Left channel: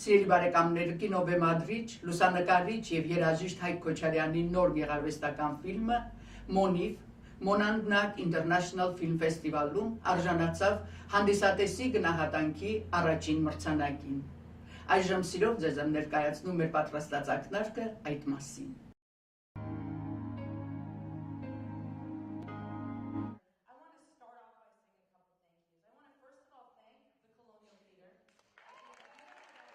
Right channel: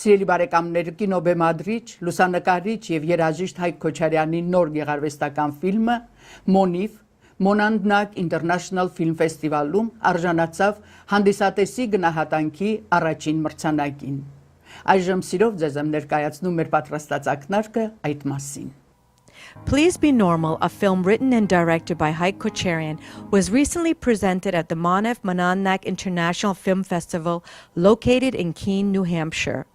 Սիրելի բարեկամներ, կինոբեմադրիչ, լուսանկարիչ եւ երաժիշտ Հայկ Քոչարյանի նոր գեղարվեստական ֆիլմը «MONIFF» Monadnock International Film Festival-ում արժանացավ հանդիսատեսի գնահատանքի առաջին մրցանակին։ Այժմ սիրով ձեզ եմ ներկայացնում մեր պատրաստած ակնարկը այդ մասին։ Please Be Normal, a film written and directed by Haik Kocharian, was recently presented at the Monadnock International Film Festival located in Keene, New Hampshire.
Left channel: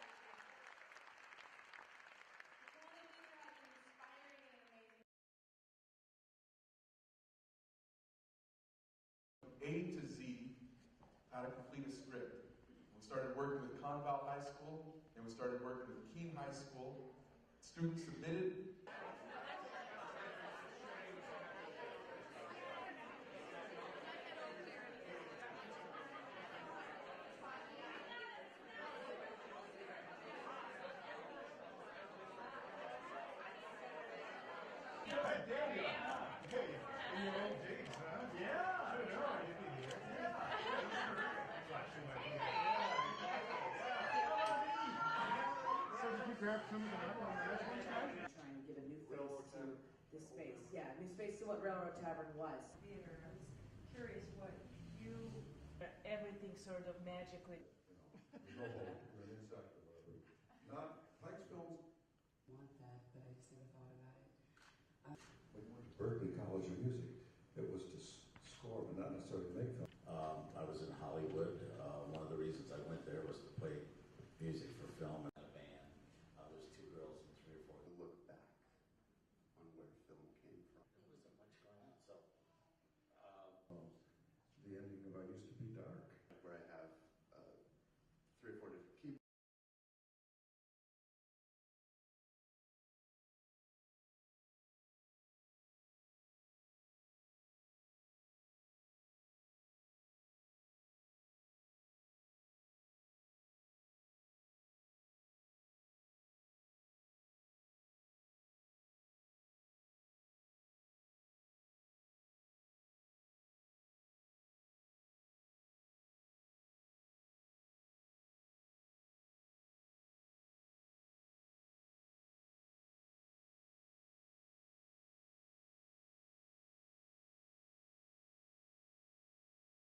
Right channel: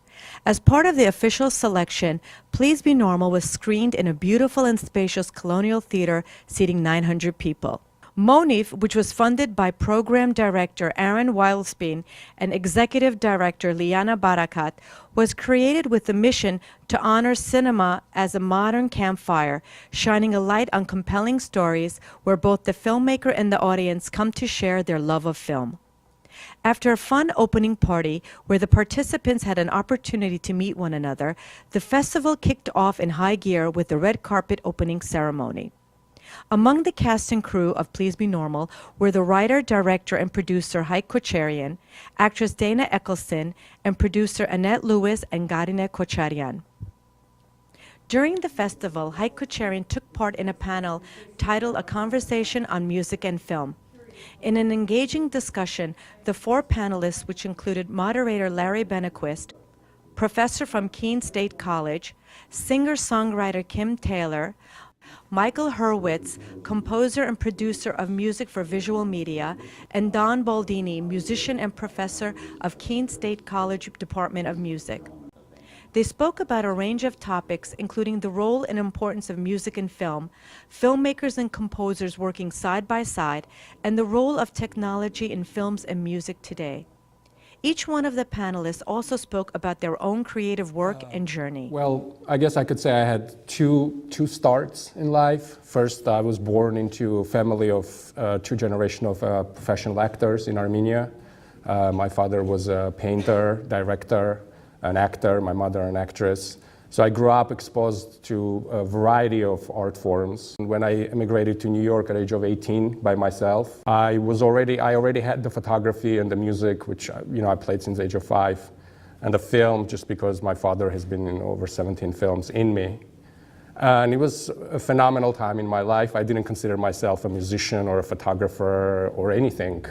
As part of the official selection, Please Be Normal was screened in a beautiful and spacious colonial theater seating 900 people. MONIFF, which was funded by Program Director Aaron Wildspien and Executive Director Liana Barakat, was created with the mission to honor cinema as a modern campfire, shining a light on compelling stories where both the filmmaker and the audience come to share their love of film. After a fun opening party where the participants had an opportunity to meet one another, the festival kicked off in high gear with the red carpet opening ceremony. Among the cast and crew of Please Be Normal were the writer, director, and producer Haik Kocharian, actress Dana Eccleston, and producer Annette Lewis and Haik Kocharian. During the festival, Haik Kocharian took part in a panel titled A Conversation on Music and Film. In an engaging discussion, the four panelists, which included moderator Larry Benequist, professor from Keene State College, singer-songwriter Kim Taylor, Michael Hurwitz, composer and producer of music for visual media, and Don Baldini, musician and professor of Keene State College Department of Music. They spoke about a range of topics, including the role and importance of music in film, filmmakers and composers working side by side, and the role of technology in films and music today. Each one of the panelists also spoke about their own creative work and journey. Well, I guess I could say I had two starts in life. First, I was born into a family of two generations of professional actors in Armenia. My father was a painter, director, an actor, my mother an actress. So I grew up exposed to a variety of art forms. When I immigrated to New York at the age of 18 by myself, I already had the photography and the music, which I played since the age of 5, and the film, just because my father has been in over 17 films in me. And it was a phenomenal time in my life. I didn't consider myself a musician or a photographer or anything.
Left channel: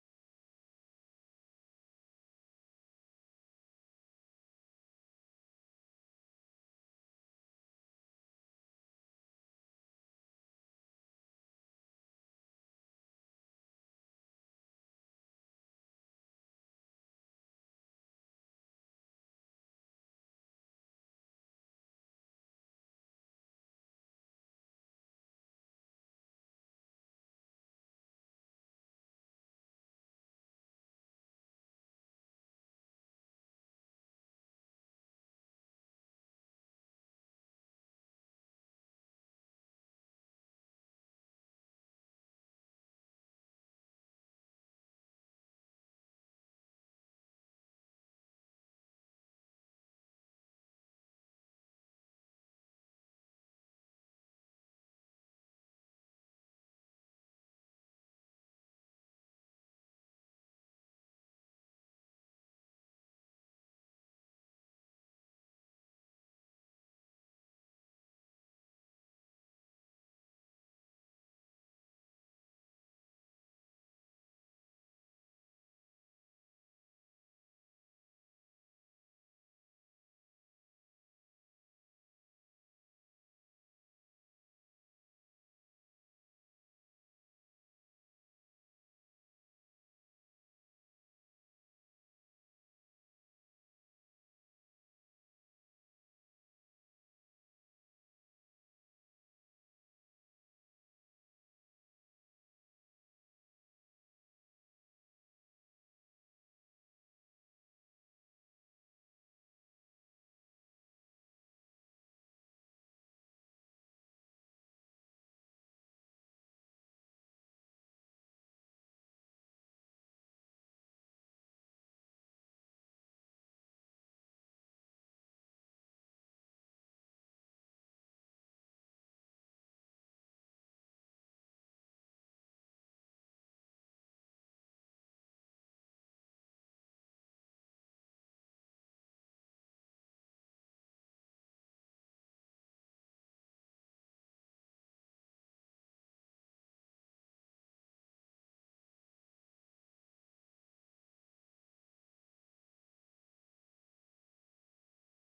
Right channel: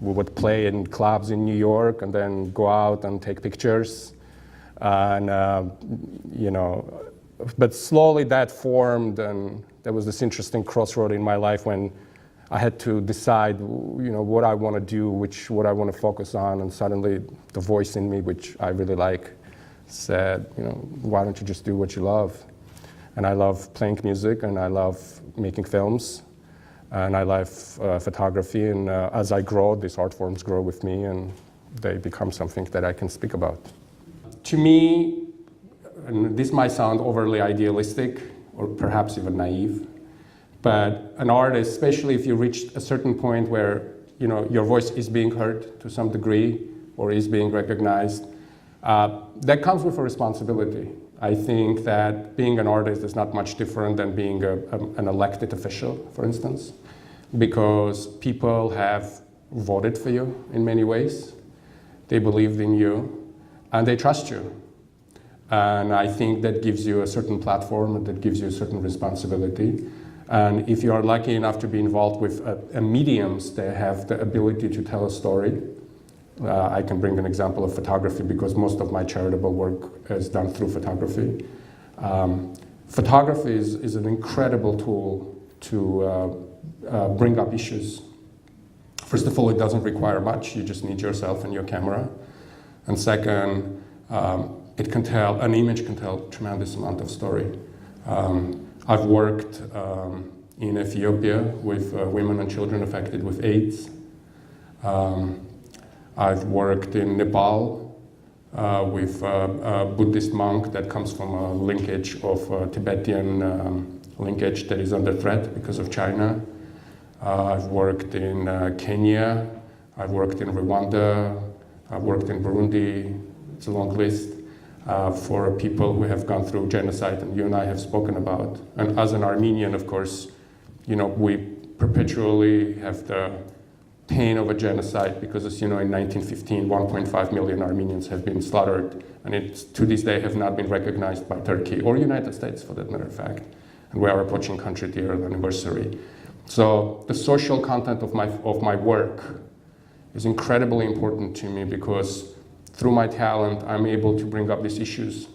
We would play in clubs in New York and then go out and take pictures. And, but slowly that formed, and there was this interesting crossroad in my life when I had to decide, what I want to do, what I want to focus on, and suddenly the voice in me, which I really like, said, why don't you just do what you love? And I love playing music, and I love making films, and I love photography, and as I grow, these art forms grow with me, and they become something that I can speak about. To me, and this might sound overly idealistic or perhaps even naive, but an artist, especially if you reach a certain point where your voice is being heard to some degree or is being recognized, that comes with a responsibility. I think that being an artist is not much different than being an elected official, for instance, because people have voted for you in many ways. They believed in you. And they trust you. And I think that gives you a certain platform and that gives you a certain responsibility. And if you are lucky enough to be involved with mediums that have the ability to tell a story, I can bring an example of photography because most of my charitable work is done through photography. Photography is an incredible tool to bring up issues. First of all, it doesn't require much. You just need yourself and your camera. And second, an image can tell a tremendous amount of story. I've worked in Ethiopia with women and children affected with AIDS. I've worked in Nepal with a Buddhist monk that comes from a linkage of Tibetan linkage that is under threat because of China. I've worked in Kenya. I've worked in Rwanda. I've worked in Burundi, it's a long list, for people who have gone through genocide, and you and I have spoken about. And as an Armenian, of course, we perpetually have the pain of a genocide, because as you know, in 1915, 1.5 million Armenians have been slaughtered, and it's to this day have not been recognized by Turkey or United States, for that matter of fact. And we are approaching 100-year anniversary. So the social content of my work is incredibly important to me, because through my talent, I'm able to bring up these issues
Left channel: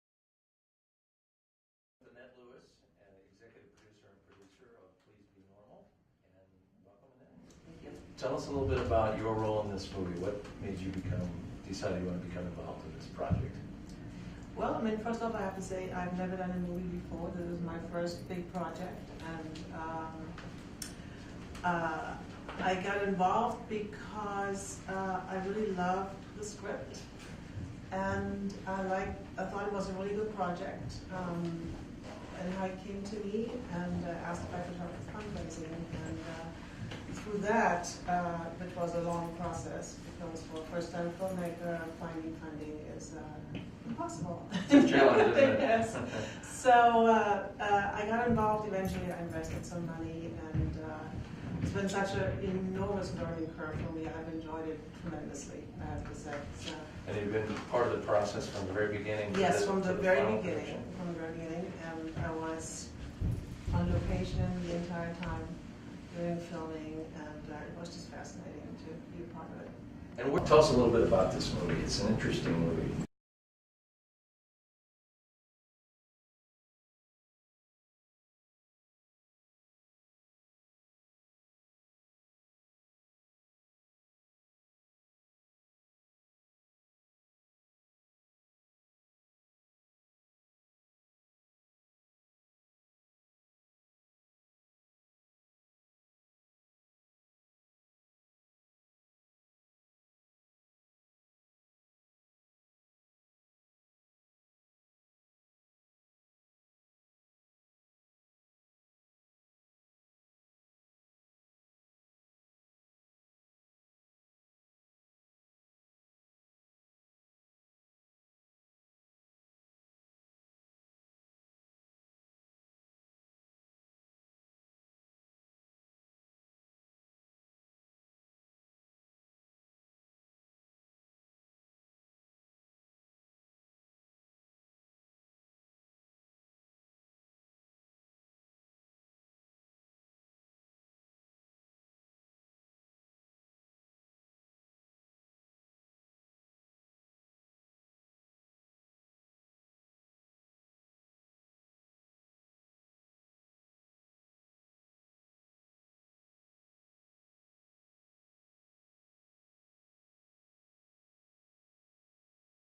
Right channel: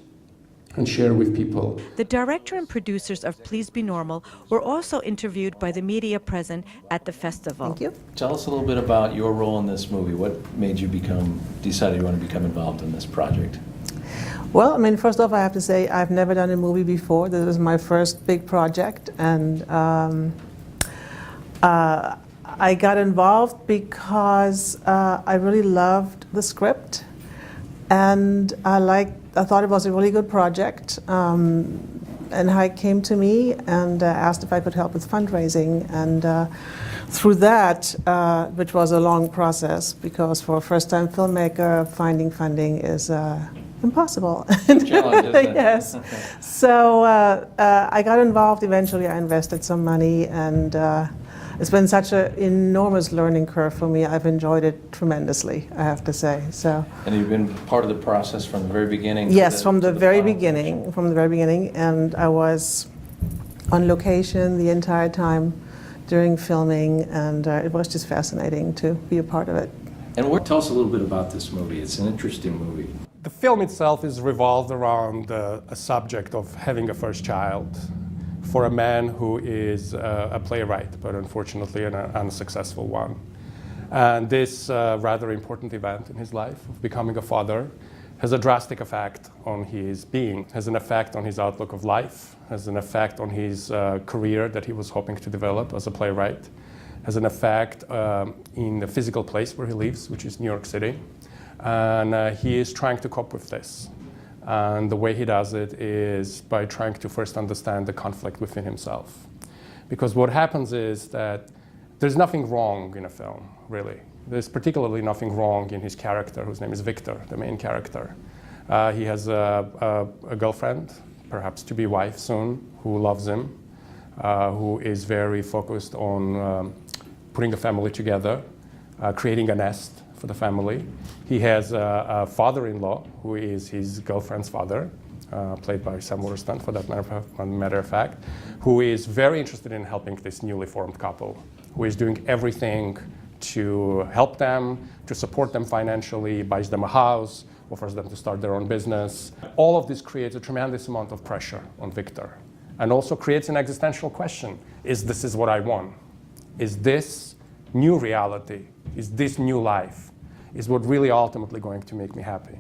and share with people. The director and producers of Please Be Normal were also interviewed by the media present at the festival. Thank you. Tell us a little bit about your role in this movie. What made you decide you want to become involved in this project? Well, I mean, first off, I have to say I've never done a movie before. This was my first big project, and I got involved because I really loved the script, and I thought it was a really good project. And Haik came to me and asked if I could help with fundraising, and through that, which was a long process, because for a first-time filmmaker, finding funding is impossible. Challenge, isn't it? Yes. So I got involved. Eventually, I invested some money, and it's been such an enormous learning curve for me. I've enjoyed it tremendously, I have to say. So. And you've been part of the process from the very beginning? Yes, from the very final beginning. From the very beginning, and I was on location the entire time during filming, and it was just fascinating to be a part of it. And tell us a little bit about this movie. It's an interesting movie. The film itself is revolved around a subject of having a first child for a man who is a playwright, but unfortunately an unsuccessful one. And this rather important event in his life of becoming a father has a drastic effect on his being, has an effect on his outlook of life, has an effect on his career that he was hoping to develop as a playwright, has an effect in the physical place where he lives, which is New York City. And he is trying to cope with this. And the way he does it is by trying to first understand the conflict within himself. Because what happens is that there's nothing wrong in a film, really. There's particularly nothing wrong in his character, whose name is Victor, the main character. He has a girlfriend, perhaps to be wife soon, who loves him, who is very focused on putting a family together, creating a nest for the family. He has a father-in-law who is his girlfriend's father, played by Sam Waterston, for that matter of fact, who is very interested in helping this newly formed couple, who is doing everything to help them, to support them financially, buys them a house, offers them to start their own business. All of this creates a tremendous amount of pressure on Victor, and also creates an existential question. Is this what I want? Is this new reality? Is this new life? Is what really ultimately going to make me happy?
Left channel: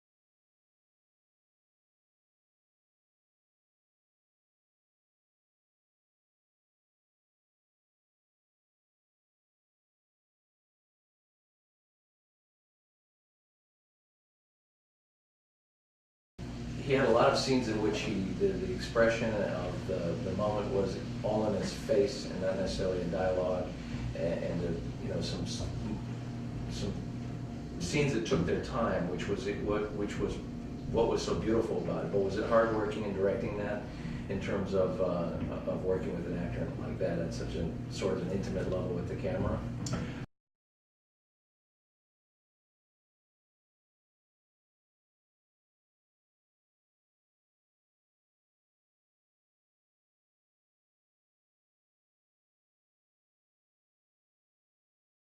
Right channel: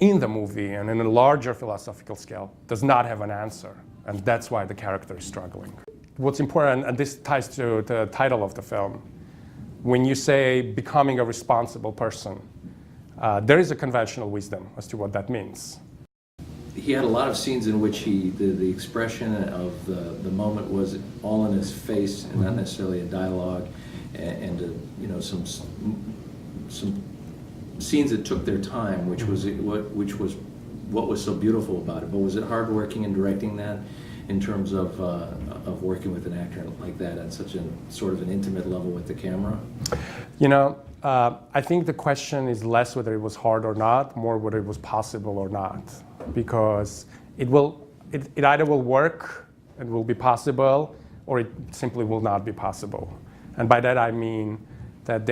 In the movie, and in a larger philosophical scale, does not have an answer, and that's why the character is struggling. What's important, and this ties to the title of the film, when you say becoming a responsible person, there is a conventional wisdom as to what that means. He had a lot of scenes in which the expression of the moment was all in his face and not necessarily a dialogue, and you know, some scenes that took their time, which was what was so beautiful about it. But was it hard working and directing that, in terms of working with an actor like that at such a sort of an intimate level with the camera? You know, I think the question is less whether it was hard or not, more whether it was possible or not, because it either will work and will be possible, or it simply will not be possible. And by that I mean that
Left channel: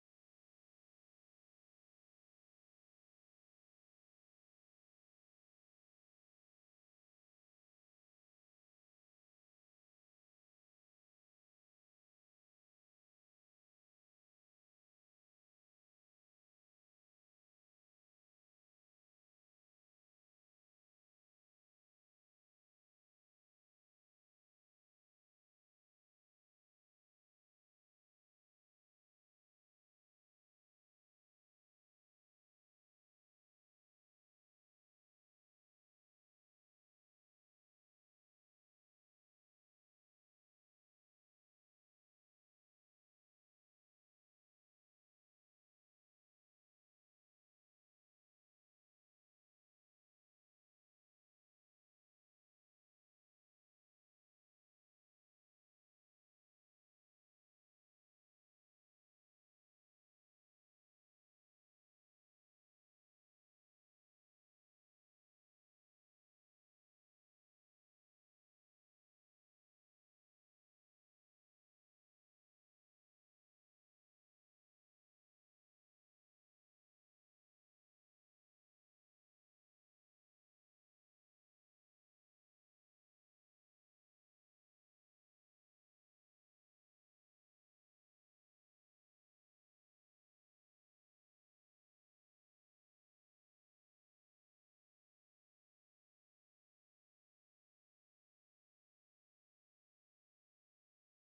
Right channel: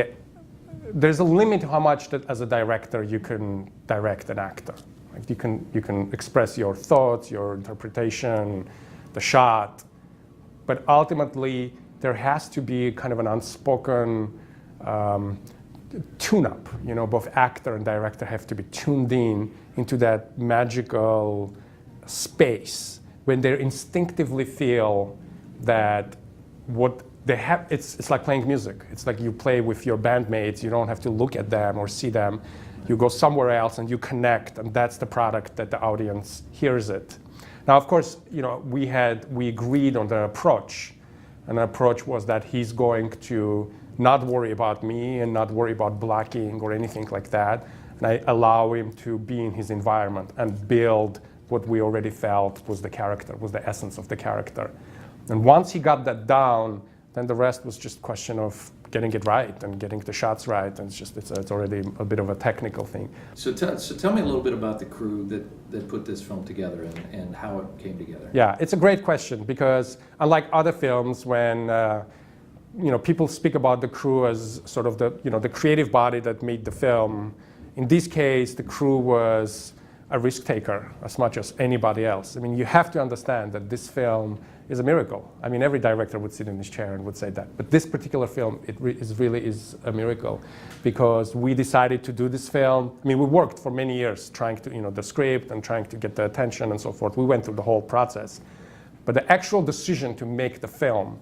there's a limit to how much that as a director you can direct an actor. Like you can express your thoughts, your interpretation, the shot, but ultimately there has to be kind of an unspoken tune-up. You know, both actor and director have to be tuned into that magical space when they instinctively feel that what they have, it's like playing music. It's like you play with your bandmates. You don't have to look at them or see them. You go somewhere else and you connect, and that's the product that the audience hears it. Now, of course, you know, we agreed on the approach, and the approach was that he's going to not worry about me and not worry about blocking or anything like that, and I allow him to be in his environment and build what we already felt was the character, was the essence of the character. And once he got that down, then the rest was just a question of getting it right and getting the shots right, and it's already a bit of a technical thing. So tell me a little bit about the crew that put this film together and how it came together. Yeah, it's a great question, because unlike other films, when people speak about the crew as sort of the creative body that made the film, in this case, the crew was a risk taker as much as anybody else. I mean, you have to understand that this film is a miracle. I mean, every director would sit in his chair and would say that. But this particular film, it really is a miracle, because we decided to do this film. I mean, we worked for many years trying to, the script and trying to get the attention and so forth. We went through the whole process. But the actual decision to make the film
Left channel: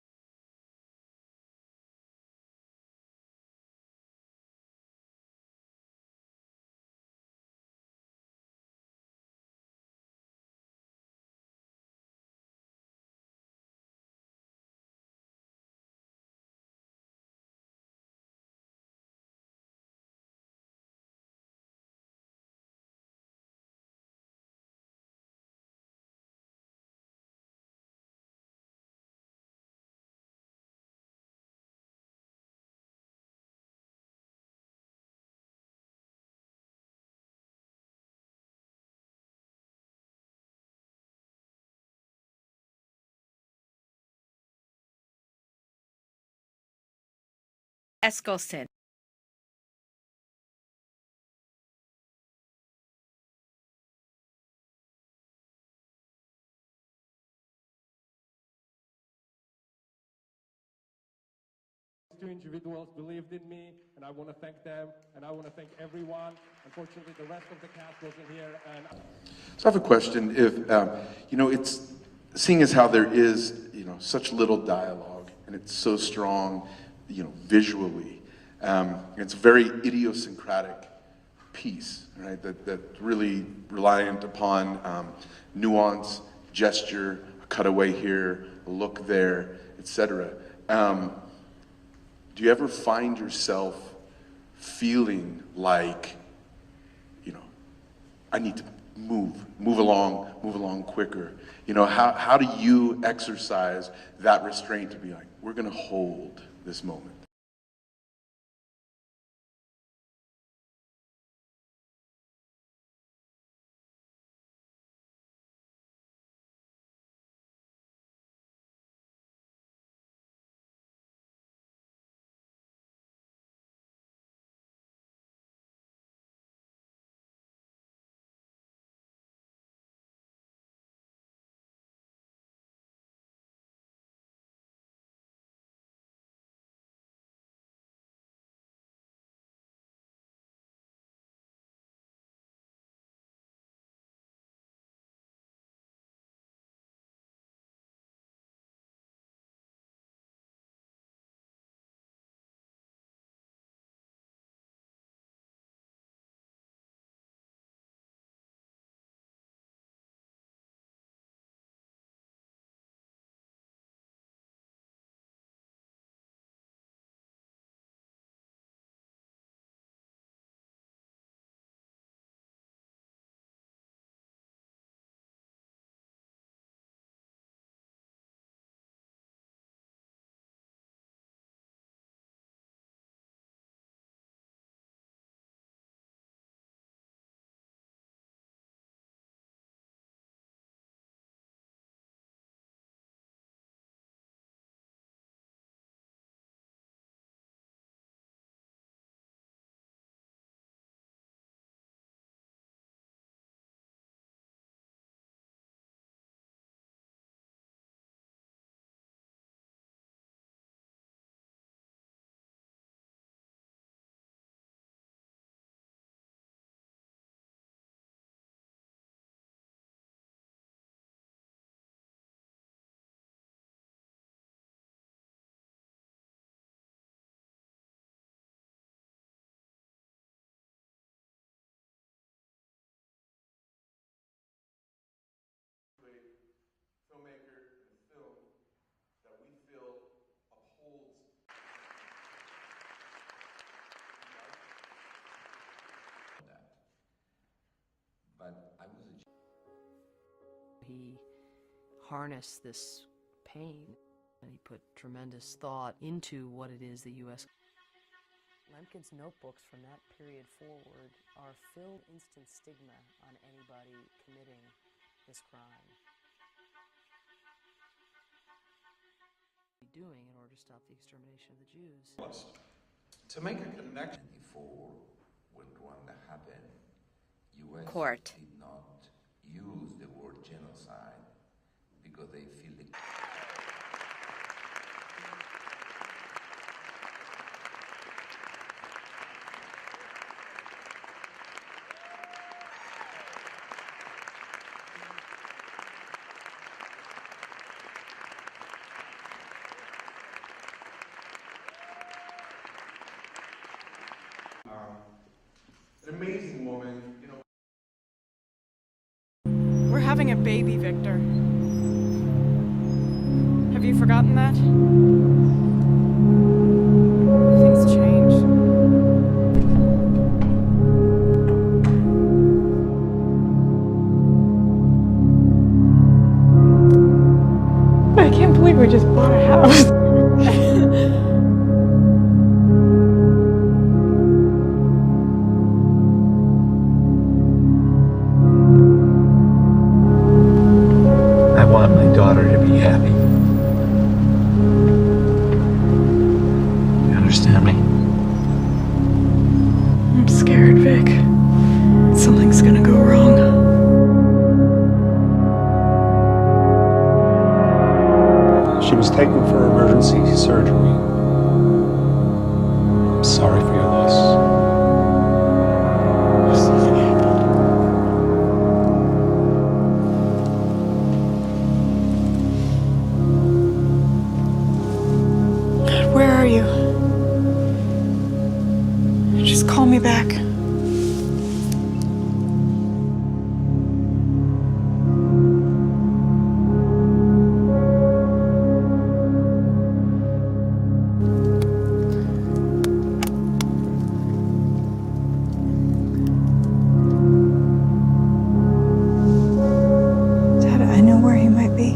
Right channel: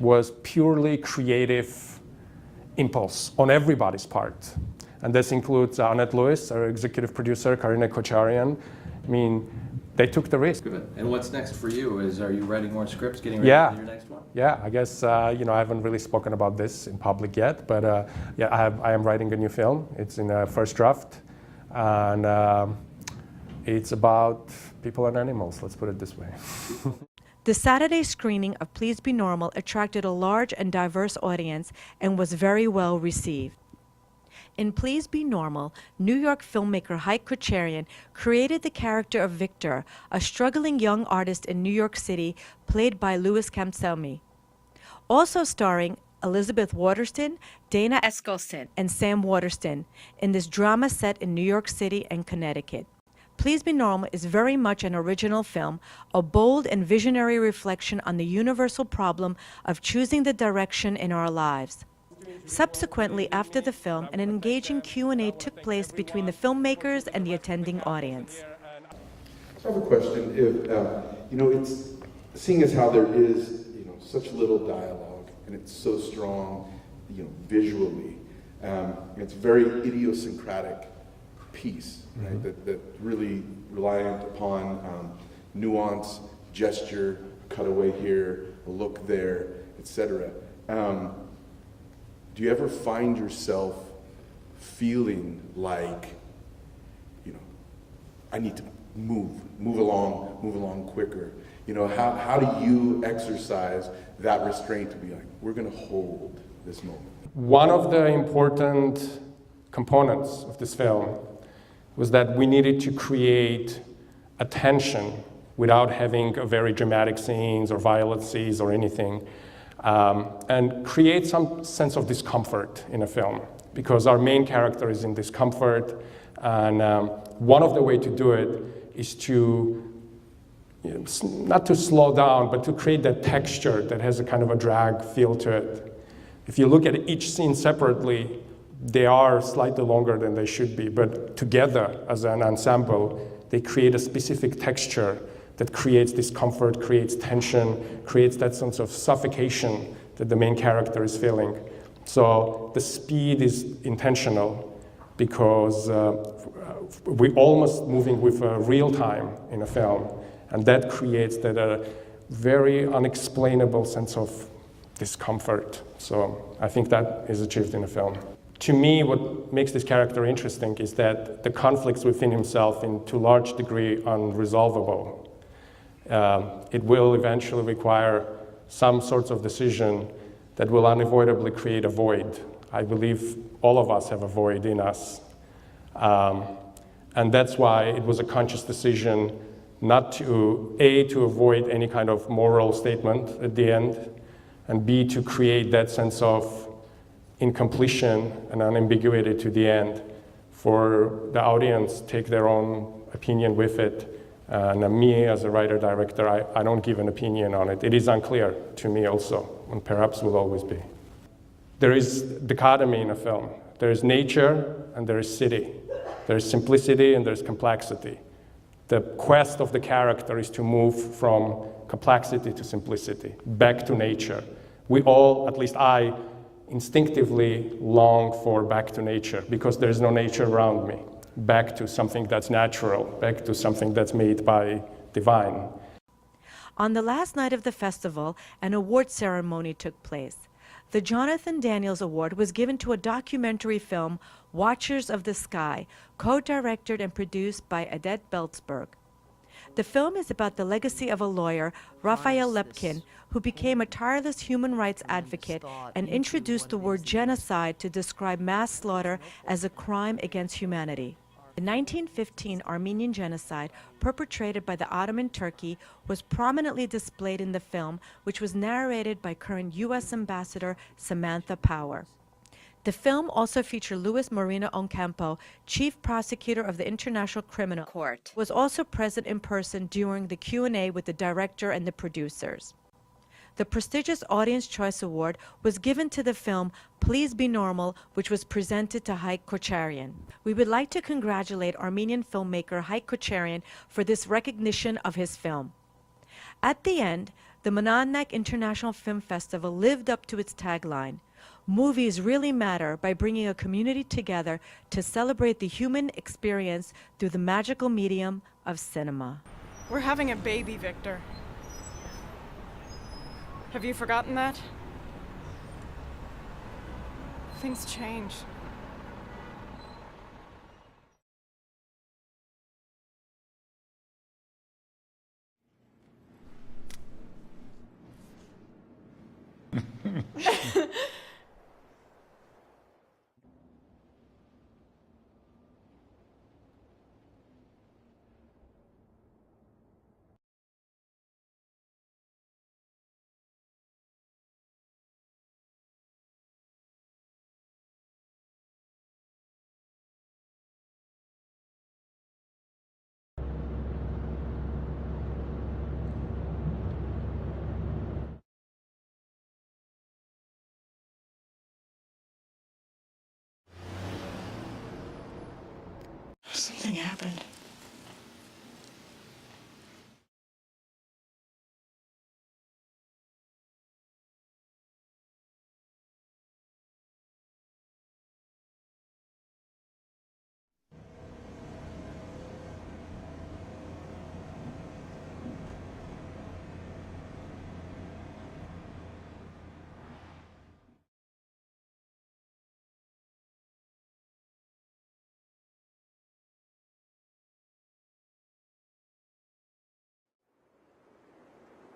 was purely creative impulse on everybody's part. And this includes Annette Lewis, our executive producer, Haik Kocharian. I mean, they took the risk. Good. And what's next for you? Are you writing more scripts, getting ready for your next one? Yeah, I guess, I haven't really spoken about this in public yet, but I am writing a new film. It's in a first draft, and it's about people and animals, let's put it this way. The Saturday screening of Please Be Normal attracted a large and diverse audience and was very well received. In Please Be Normal, New York filmmaker Haik Kocharian created the character of Victor, a struggling young artist in New York City, played by Louis Kamselmi. Also starring Elizabeth Waterston, Dana Eskelsen, and Sam Waterston in this drama set in New York City and Connecticut. Please Be Normal is very much an original film, a bold and visionary reflection on the universal problem of choosing the direction in our lives. Subsequently, after the film, an engaging Q&A took place between the filmmakers and the attending audience. So I have a question. If it's seeing as how there is such little dialogue and it's so strong, visually, it's a very idiosyncratic piece, right? That's really reliant upon nuance, gesture, a cutaway here, a look there, etc. Do you ever find yourself feeling like, I need to move along quicker? How do you exercise that restraint to be like, we're going to hold this moment? One of the important components of this film was that we needed to create a tension without having a very dramatic scenes or violent scenes or anything. And create some sense of discomfort in a film, because our main character is in discomfort, and one of the ways to do it is to, not to slow down, but to create that texture that has a kind of a drag feel to it. If you look at each scene separately, they are slightly longer than they should be, but together as an ensemble, they create a specific texture that creates discomfort, creates tension, creates that sense of suffocation that the main character is feeling. So the speed is intentional, because we're almost moving with real time in a film, and that creates that very unexplainable sense of discomfort. So I think that is achieved in a film. To me, what makes this character interesting is that the conflicts within himself, to a large degree, unresolvable. It will eventually require some sorts of decision that will unavoidably create a void. I believe all of us have a void in us. And that's why it was a conscious decision not to, A, to avoid any kind of moral statement at the end, and B, to create that sense of incompletion and unambiguity to the end, for the audience take their own opinion with it. And me, as a writer-director, I don't give an opinion on it. It is unclear to me also, and perhaps will always be. There is dichotomy in a film. There is nature and there is city. There is simplicity and there is complexity. The quest of the character is to move from complexity to simplicity, back to nature. We all, at least I, instinctively long for back to nature, because there is no nature around me. Back to something that's natural, back to something that's made by divine. On the last night of the festival, an award ceremony took place. The Jonathan Daniels Award was given to a documentary film, Watchers of the Sky, co-directed and produced by Odette Belzberg. The film is about the legacy of a lawyer, Raphael Lepkin, who became a tireless human rights advocate and introduced the word genocide to describe mass slaughter as a crime against humanity. The 1915 Armenian genocide, perpetrated by the Ottoman Turkey, was prominently displayed in the film, which was narrated by current U.S. Ambassador Samantha Power. The film also featured Luis Moreno Ocampo, Chief Prosecutor of the International Criminal Court, was also present in person during the Q&A with the director and the producers. The prestigious Audience Choice Award was given to the film Please Be Normal, which was presented to Haik Kocharian. We would like to congratulate Armenian filmmaker Haik Kocharian for this recognition of his film. At the end, the Monadnock International Film Festival lived up to its tagline, "Movies really matter," by bringing a community together to celebrate the human experience through the magical medium of cinema. We're having a baby, Victor. Have you forgotten that? Things change. I can't believe we just bought a house. I want my daughter to be happy. You understand me? I'm scared, Vic. Something's gonna go wrong. She was taken for emergency surgery. I'm sorry for your loss. Something happened. God, where are you? Just call me back. Dad, I know where he might be.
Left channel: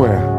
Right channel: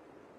Where?